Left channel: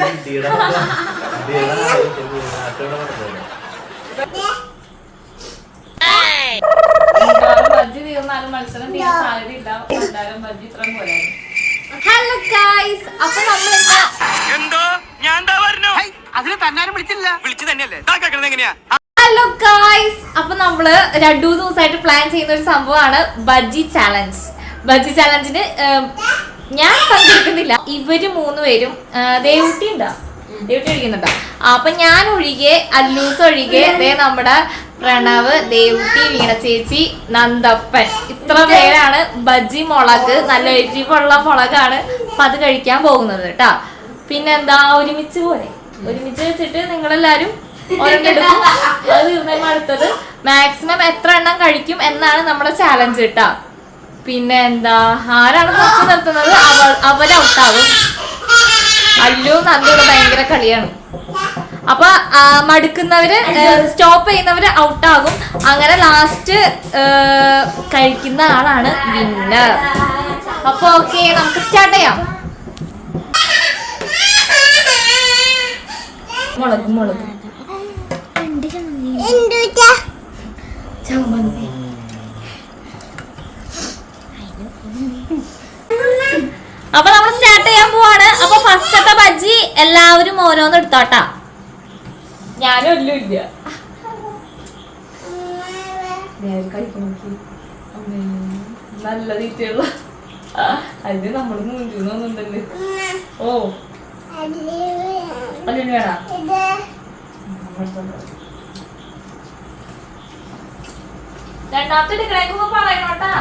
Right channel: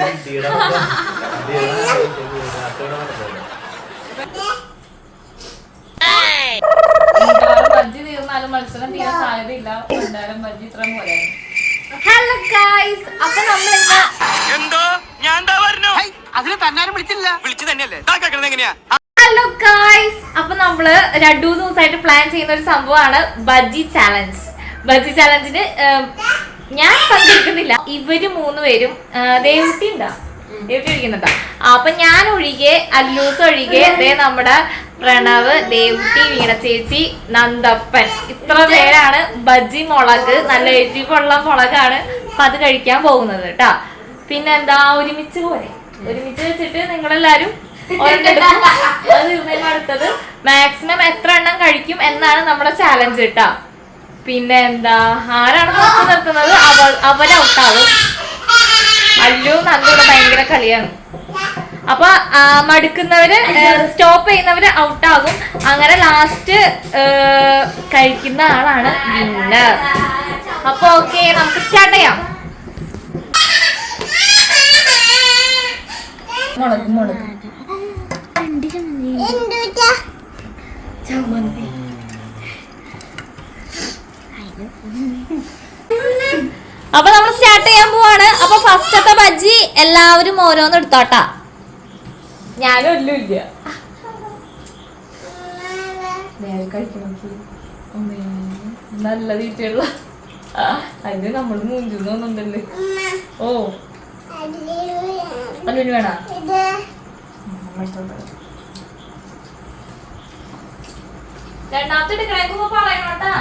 ബജ്ജി തീർന്നാലും മത്സരം തീരെ സാധ്യതയില്ല. ബജ്ജി ഇത്ര പോലെ. ഹലോ ഗൈസ്, അപ്പൊ നമ്മൾ എന്തോ ഞാൻ അതിന് തന്നാരും വിളിച്ചില്ല, വിളിച്ചു തന്നെയല്ലേ എങ്ങനെയാ. ഹലോ ഗൈസ്, അപ്പൊ നമ്മള് 2 ദിവസമായിട്ട് പ്ലാൻ ചെയ്യുന്ന ഒരു സംഭവമാണ് ബജ്ജി ചാലഞ്ച്. ബജ്ജി ചാലഞ്ചിന് ഞാൻ പങ്കെടുക്കുന്നില്ല. ഇവര് 3 പേരും ദേവുട്ടി ഇരിക്കുന്നുണ്ടോ? അപ്പൊ ഞാൻ ഒഴികെ, അല്ലൂസ് ഒഴികെ, നമ്മുടെ പ്രണവ്, ദേവുട്ടി, വീണ ചേച്ചി, നന്ദപ്പൻ, ഇത്ര പേരാണ് ബജ്ജി മുളക്, നല്ല എരിവുള്ള മുളകാണ്. അപ്പൊ അത് കഴിക്കാൻ പോകുന്നത് കേട്ടാ. പിന്നെന്താ, ഒരുമിച്ച് വെച്ചിട്ട് നിങ്ങളെല്ലാരും ഒരെണ്ണം അത് തീർന്നതിന് അടുത്തത് മാക്സിമം എത്ര എണ്ണം കഴിക്കും എന്നാണ് നമ്മുടെ ചാലഞ്ച് കേട്ടാ. പിന്നെ എന്താ, ആരാണ് ഫസ്റ്റ് നിർത്തുന്നത് അവര് ഔട്ടാവും. അല്ലു നന്ദൂടെ ഭയങ്കര കളിയാണ്. അപ്പൊ മടുക്കുന്നവര്, സ്റ്റോപ്പ് ചെയ്യുന്നവര് ഔട്ടാകും. അങ്ങനെ ലാസ്റ്റ് കഴിക്കുന്ന ആളാണ് വിന്നർ. അപ്പൊ ഓക്കെ, നമുക്ക് സ്റ്റാർട്ട് ചെയ്യാം. മുളക് അപ്പൊ നമ്മൾ സ്റ്റാർട്ട് ചെയ്യാൻ പോവാണ്. അപ്പൊ ഫസ്റ്റത്തെ ബജ്ജി എല്ലാവരും ഓരോന്ന് എടുത്തോട്ടാ. ഞാനും ഒന്നും ഇല്ല. നല്ല തീറ്റയുള്ള അത് നമ്മൾ മുഞ്ചുന്നുണ്ടല്ലേ. ഓ അല്ലുവിന് വേണ രണ്ടാമത്തെ എടുക്കണേക്കൊന്ന് പറയണോട്ടാ.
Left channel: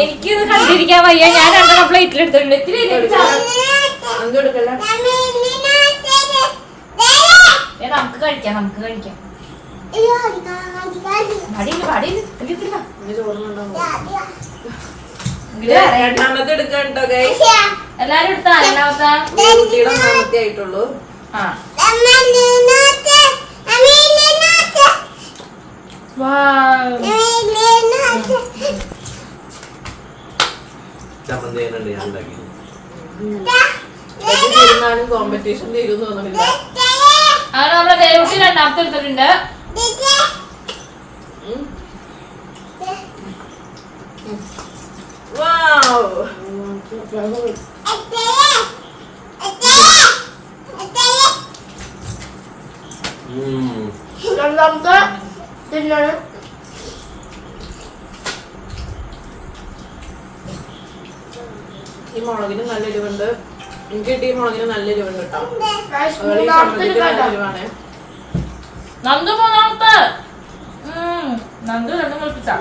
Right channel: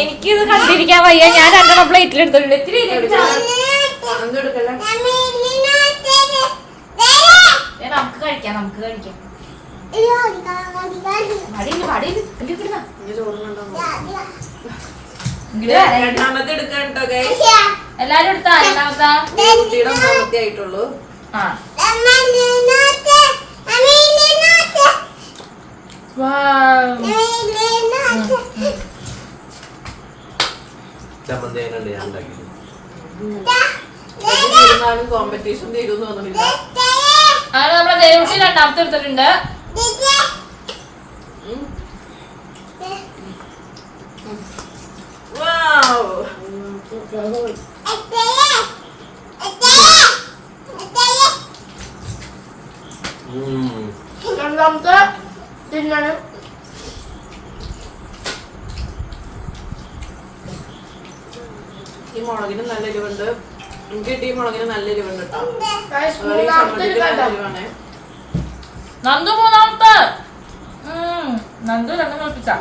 എനിക്കിത് കണ്ടിരിക്കാൻ വയ്യ. ഞാൻ 2 പ്ലേറ്റിൽ എടുത്തിട്ടുണ്ട്. നമുക്ക് കഴിക്കാം. എല്ലാരും എടുത്താ? രണ്ടാമത്തെ ആയിട്ടുള്ളൂ. കോമ്പറ്റീഷൻ തീരുന്നു തോന്നുന്നില്ല. അങ്ങനെ നമ്മുടെ ദേവുട്ടി രണ്ടാമത്തെ എടുത്തിട്ടുണ്ട്. രണ്ടാമത്തെ തിന്നാണ്. ഈ മുളകിന് നല്ല എരിവുണ്ട്. എനിക്ക് കിട്ടിയ മുളകിന് നല്ല എരിവുണ്ട് കേട്ടോ. നന്ദു മൂന്നാമത്തെ. നന്ദു 2 നോക്കിച്ചാ.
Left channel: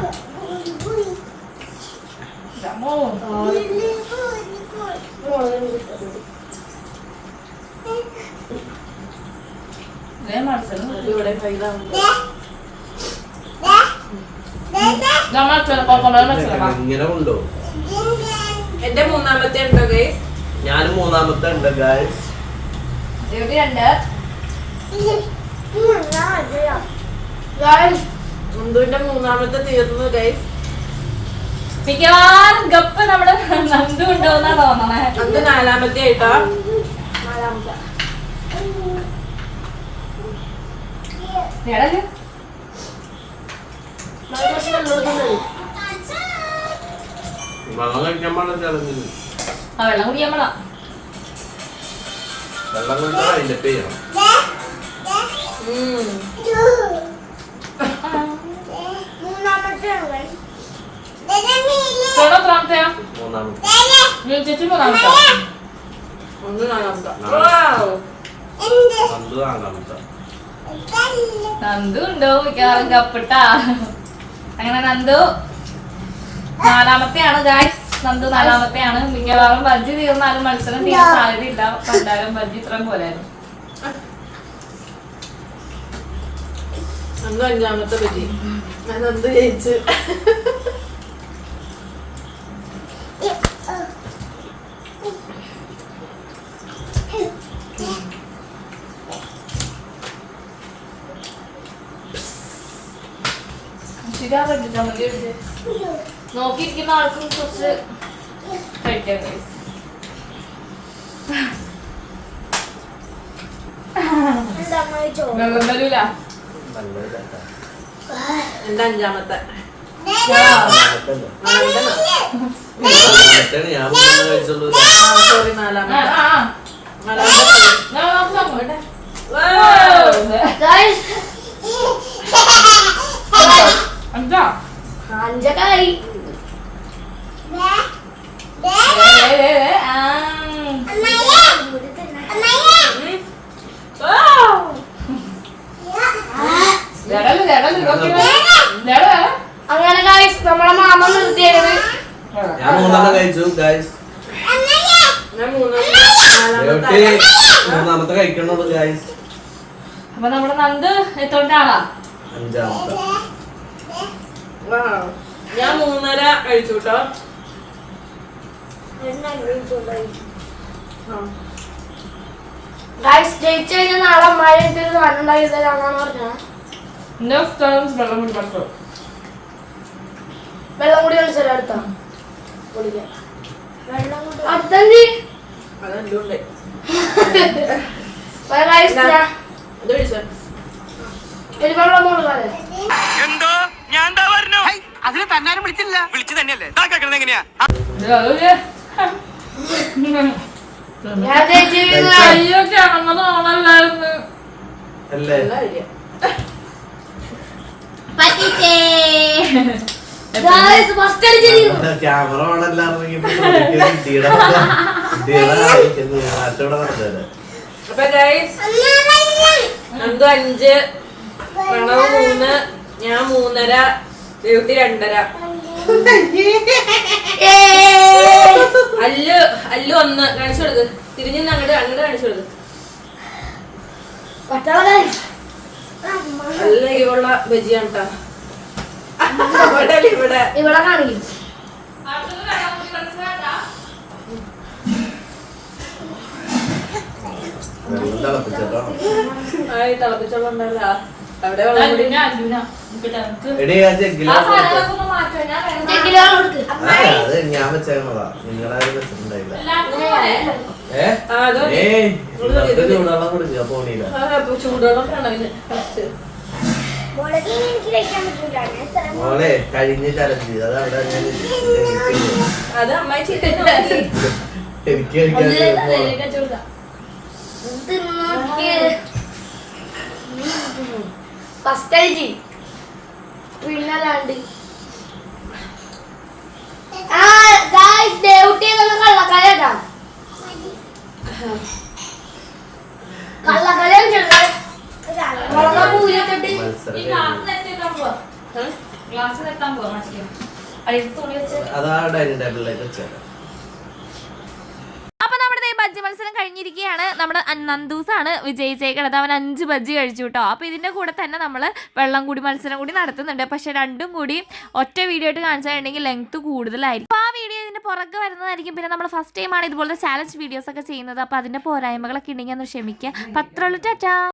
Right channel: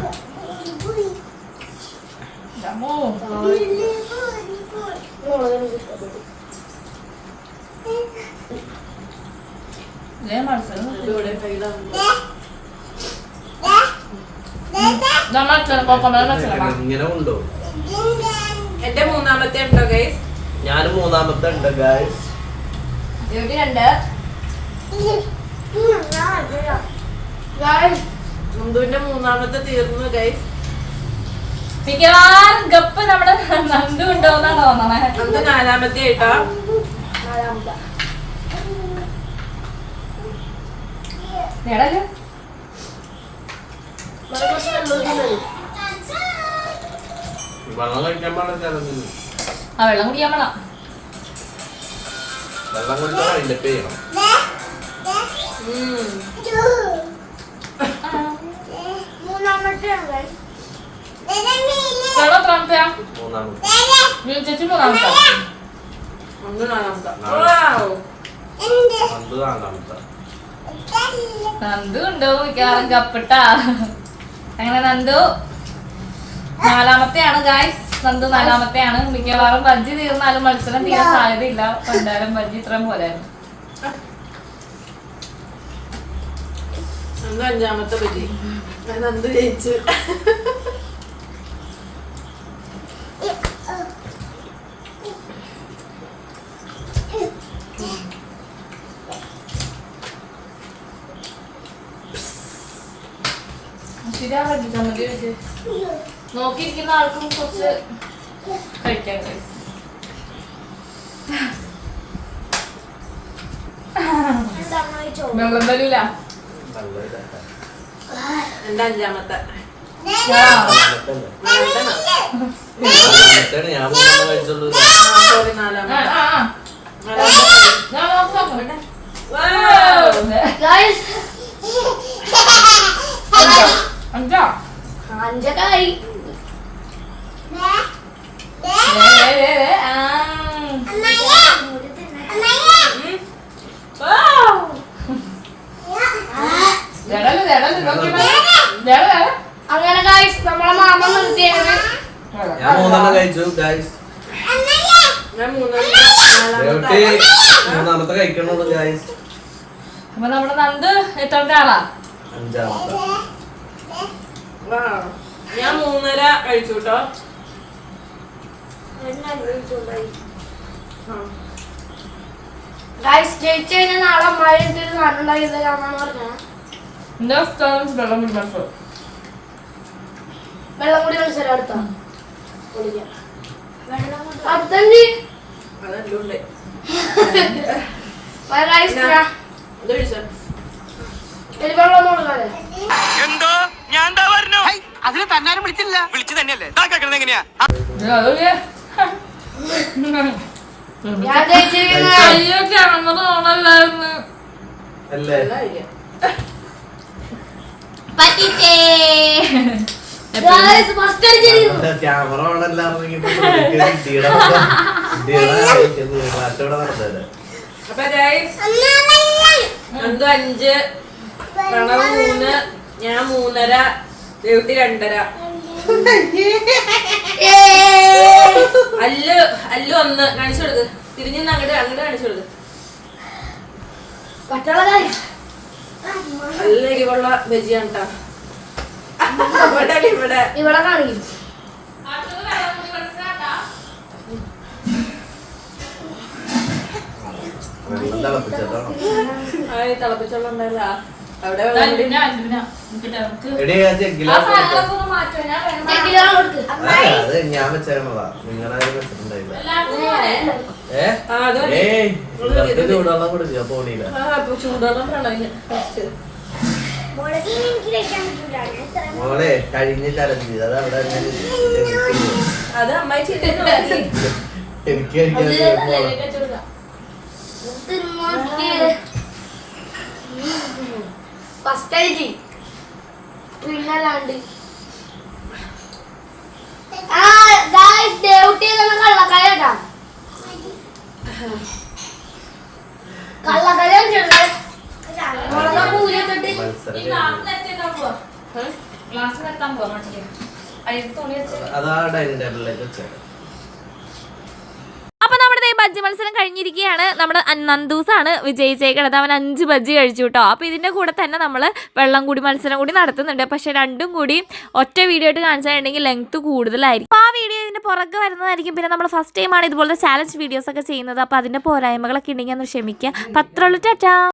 ഇങ്ങനെ ഉണ്ടോ? എന്റെ മൂന്നാമത്തെ ഉണ്ടോ ഗൈസ്? ഞാനും മൂന്നാമത്തെ ഉണ്ട് ഗൈസ്. നന്ദുവിന്റെ മൂന്നാമത്തെ തീർന്നു ഗൈസ്. മിക്കവാറും ഗപ്പ് നമ്മുടെ നന്ദു ഉണ്ടോന്നാ തോന്നണേ. നന്ദു 4ാമത്തെ ആയിട്ടാ. വെള്ളം കഴിക്കാൻ പാടില്ല ചലഞ്ചിന്. വെള്ളം കുടിക്കാൻ പാടില്ല. വെള്ളം കുടിച്ചാൽ അതിന്റെ പേരും നന്ദു ഉണ്ടോ മിക്കവാറും കപ്പിട്ടാ. അങ്ങനെ നന്ദു 4ാമത്തെയാണ് ഗായ്സ്. നന്ദു 4ാമത്തെയാണ്. മിക്കവാറും ബജ്ജി തീർന്നാലും മത്സരം തീരെ സാധ്യതയില്ല. പണ്ടാരം ബജ്ജി ഇത്രയും പോലായിരുന്നു. അന്ന് അഞ്ചാമത്തെ പറ്റി ഞാൻ എന്ത് ജയിച്ചു. നോക്കിയിരിക്കുന്ന ആൾക്കും കുറച്ച് കഴിക്കാൻ നിർബന്ധമില്ല. എന്റെ അഞ്ചാമത്തെ ഞാൻ മൂന്നെണ്ണം കഴിച്ചുള്ളൂ. സോറി നാലാമത്തെ. അഞ്ചക്കായി അങ്ങനെ ഗൈസ് നമ്മളെ മാമ നിർത്തിയത്. ഞാൻ മൂന്നെണ്ണം കഴിച്ചു ഗൈസ്. ഞാൻ മൂന്നാമത്തെ മൂന്നാമത്തെ കഴിക്കണുള്ളൂ ഗൈസ്. അപ്പൊ നമ്മുടെ നന്ദ് എത്ര ആളാ? അഞ്ചാമത്തെ. ഞാൻ 3.5 കഴിച്ചു കേട്ടോ. ഗൈസ് ജയിച്ചു കഴിഞ്ഞാൽ നാളെ അമ്മായി ഒരു സാധനം ഉണ്ടാക്കി തരാന്നാണ് പറഞ്ഞത്. എന്റെ സ്ഥലം വെള്ളം കൂടി പഠിച്ചോ. വെള്ളം കൂടി മത്സരം അടുത്ത അടുത്തഞ്ച് അതെല്ലാം ഉണ്ട്. ഇത് കഴിച്ചോ. ഒരു വെള്ളം കൊടുക്കാതെ എന്തോ ഞാൻ എന്താ പറഞ്ഞു അതിന് തന്നാരും വിളിച്ചില്ല. വിളിച്ചു തന്നെയല്ലേ കേൾക്കണത് എങ്ങനെയാ? ഞാൻ ജയിച്ചു അല്ലേ? ക്യാമറ ഓണല്ലായിരുന്നു. അപ്പൊ ഗൈസ് നന്ദു 5, പ്രണവ് 3, ഞാൻ 3.5, ദേവത്തി 2.5. അല്ലു 1 കാണിച്ചു കൊടുക്ക്. തിരിഞ്ഞു അങ്ങോട്ട് കാണിച്ചു കൊടുക്ക്. നല്ല ഇവള്ള ബജിയാണ് കേട്ടോ. ഇവിടെ ഇവിടെ കാണിക്കും. വെള്ളം തിളപ്പിച്ചിട്ടോ. തിളപ്പിച്ചോളം ഉണ്ടല്ല അവിടെ എടി ആ ജഗ്ഗിലാ അത് ഞാൻ വെച്ചേക്കണതാ. നിങ്ങളാരും വെച്ചിട്ടുണ്ടായില്ല. ഇവർക്ക് ചൂടുവെള്ളം കൊടുക്കുക പോണിയില്ല. ചൂടുവെള്ളം പ്രണവിന് ഫസ്റ്റ്. മോളെ കഴിഞ്ഞ ചലഞ്ച് അത് അവിടെ അത് അമ്മായി ചെയ്തു. എനിക്ക് കഴിക്കാൻ ഫസ്റ്റ് ആയിട്ട് പിന്നല്ലാണ്ട് കള്ളക്കലട്ടാ കള്ളക്കല പൂരൊക്കെ ഇട്ട് അതാ ഡൈനിങ് ടേബിളിലേക്ക് വെച്ചേക്കാം. അപ്പൊ നമ്മുടെ ബജ്ജി മത്സരം കഴിഞ്ഞിരിക്കുകയാണ്. നമ്മുടെ നന്ദൂസാണ് വിജയിച്ചേക്കണത്. അവൻ 5 ബജ്ജി കഴിച്ചു കേട്ടോ. അപ്പോൾ ഇതിൻ്റെ കൂടെ തന്നെ നമ്മൾ വെള്ളം കൂടി മത്സരം കൂടി നടത്തുന്നുണ്ട്. പക്ഷെ രണ്ടും കൂടി ഒറ്റ വീഡിയോ ആയിട്ട് കാണിച്ചിട്ടുണ്ടെങ്കിൽ ലെങ്ത് കൂടുതലായിരിക്കും. അപ്പോൾ ആ വീഡിയോ ഇതിൻ്റെ പുറകെ വരുന്നതായിരിക്കും. പിന്നെ നമ്മൾ ഫസ്റ്റ് ടൈമാണ് ഇതുപോലത്തെ ചാലഞ്ച് വീഡിയോസ് ഒക്കെ ചെയ്യുന്നത്. അപ്പോൾ അതിൻ്റെ പോരായ്മകളൊക്കെ ഉണ്ടെങ്കിൽ ഒന്ന് ക്ഷമിക്കുക. പത്രമുള്ള ടാറ്റാ.